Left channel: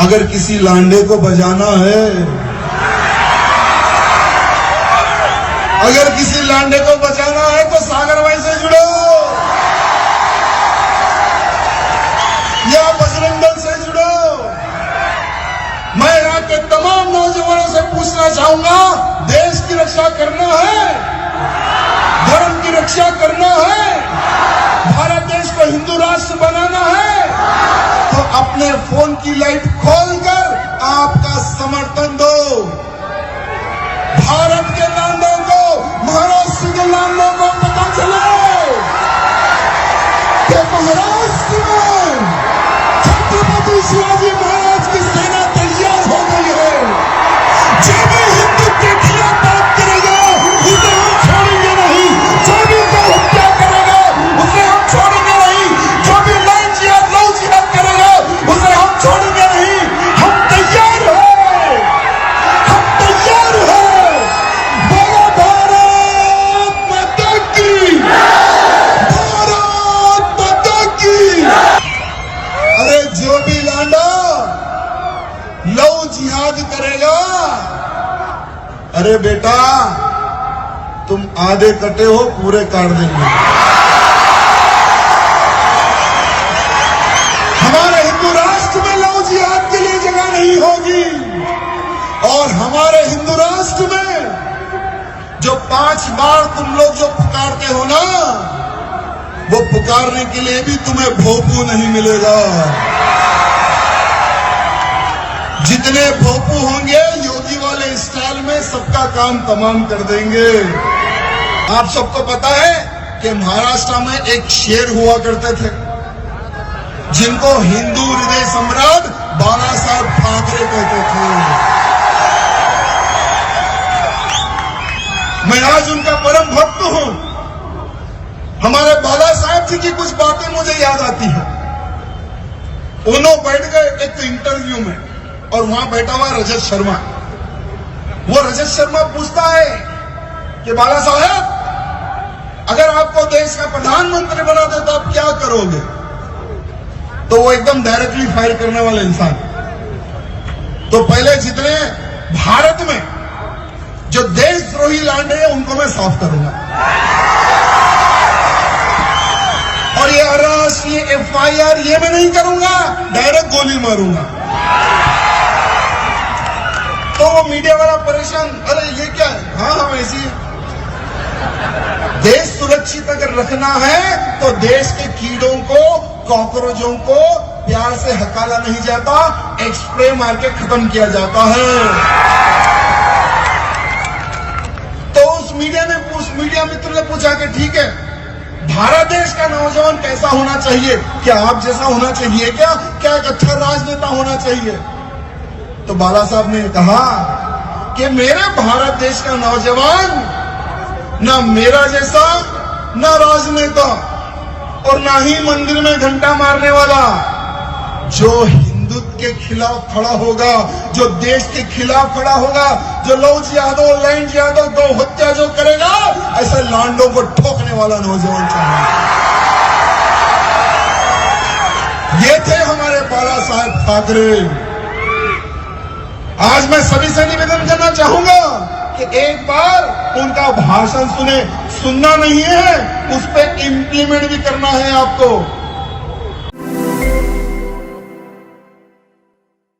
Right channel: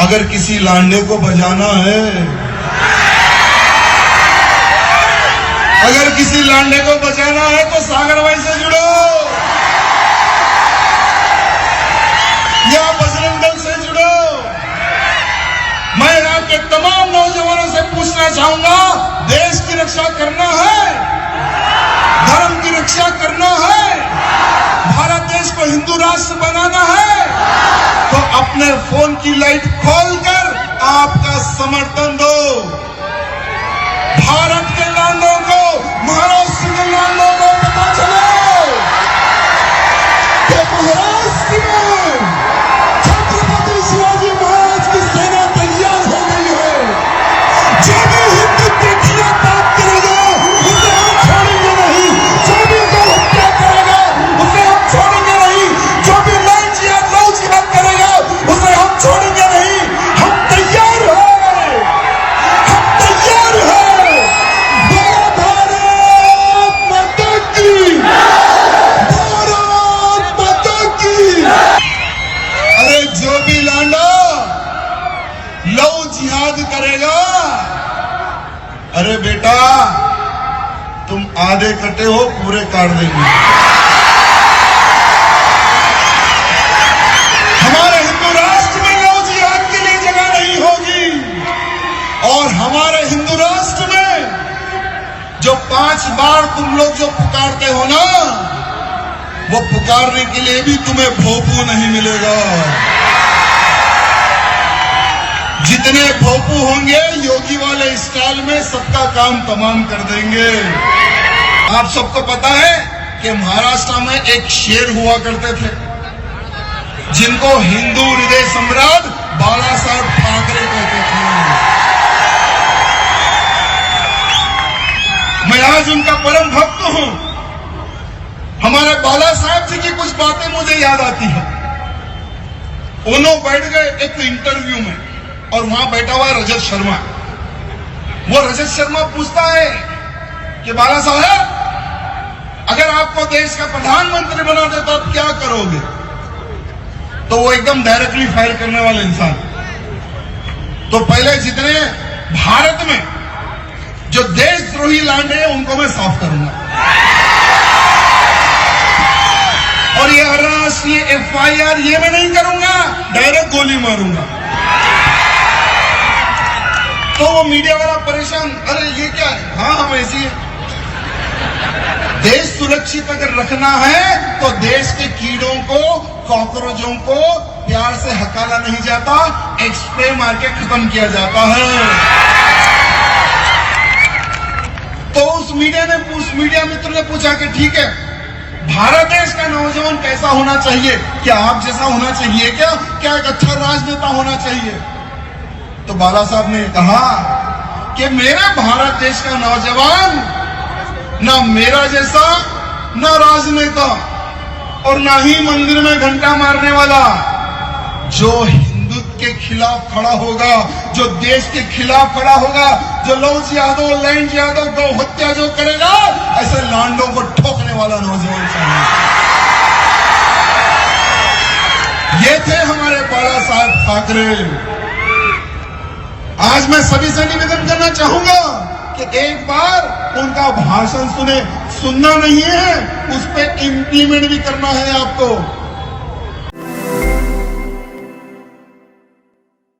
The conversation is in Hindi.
अगर किसी लांडे को बजाना है, अगर किसी लांडे को बजाना है तो सागर भाई से जुड़ो या बजरंग दल से जुड़ो। मैं यहाँ के तमाम नौजवानों से पूछना चाहूंगा, देश की रक्षा करना है, धर्म की रक्षा करना है, भारत देश को हिंदू राष्ट्र बनाना है, तो अपने फोन की लाइट खोलकर आपका समर्थन दो। भारत के लांडों को, महाराष्ट्र के लांडों को पता चले कि महाराष्ट्र में छत्रपति शिवाजी महाराज की सेना तैयार हो गई है। जो भी हिंदू के खिलाफ बात करेगा उसे हम छोड़ेंगे नहीं, जो भी गौ हत्या करेगा उसे हम छोड़ेंगे नहीं, जो भी लव जिहाद करेगा उसे हम छोड़ेंगे नहीं। हम तैयार हैं, हम तैयार हैं। भारत माता की, भारत माता की। अरे जो भी लांडा लव जिहाद करेगा, अरे बेटा तुम आधे कटे हो, पूरे काट देंगे। हमारे हिंदू राष्ट्र में लव जिहाद के लिए जगह नहीं होगी। और हमारे हिंदू राष्ट्र में जो 5 बार तुम लोग जो पुकारते हो ना, वो पुकारने के लिए भी तुम्हें भोपू नहीं मिलेगा। जितने भोपू होंगे योगी वाले स्टाइल में सबका काम तमाम कर देंगे। आप सबको पता है कि महाराष्ट्र में एक शेर हुआ करते थे जिनको हिंदू हृदय सम्राट बाला साहब ठाकरे कहते थे। मैं आज उनका परम भक्त हूं। हमारे बाला साहब जी की कुछ बातें मुझे याद आती है। उन्होंने बैठ गए एक इंटरव्यू में और वहां बैठा हुआ रजत शर्मा। वो रजत शर्मा पूछता है कि बाला साहब अगर आपको देश का प्रधानमंत्री बना दे तो आप क्या करोगे? तो वो एकदम डायरेक्टली फायर करने वाला इंसान। तो पहले जितने भारत में जो देशद्रोही लांडे हैं उनको मैं साफ करूंगा, और ये अरेस्ट, ये FIR ये मैं नहीं करूंगा, डायरेक्ट गोली मारूंगा। तो वो मीडिया वाला परेशान, अरे ये क्या है? हाँ ऐसी है। देश सुरक्षित अगर रखना है तो देश के कीड़ों को, कॉकरोचों को प्यार से हकाला नहीं जाता, एक स्प्रे मार के खत्म किया जाता है। तो उस मीडिया मित्र ने पूछा कि ठीक है, भारत देश का नौजवान कैसा होना चाहिए? क्या आप जैसा होना चाहिए? क्या एक अच्छा राजनेता होना चाहिए? तो बाला साहब ने कहा कि मेरे भारत देश का नौजवान ना मेरा जैसा, ना राजनेता, और ना ही मंदिर में घंटा मारने वाला। जो हिंदुत्व के खिलाफ खड़ा होगा, जो देश के खिलाफ खड़ा होगा, जो लव जिहाद, लैंड जिहाद, गौ हत्या जो करेगा, ऐसे लांडों को ठोकने वाला नौजवान चाहिए। ये थे हमारे बाला साहब ठाकरे। आज मैं सभी से निवेदन करना चाहूंगा कि एक बार उनका भाषण सुने। सुनना नहीं है, उस पर इम्प्लीमेंट भी करना है आपको।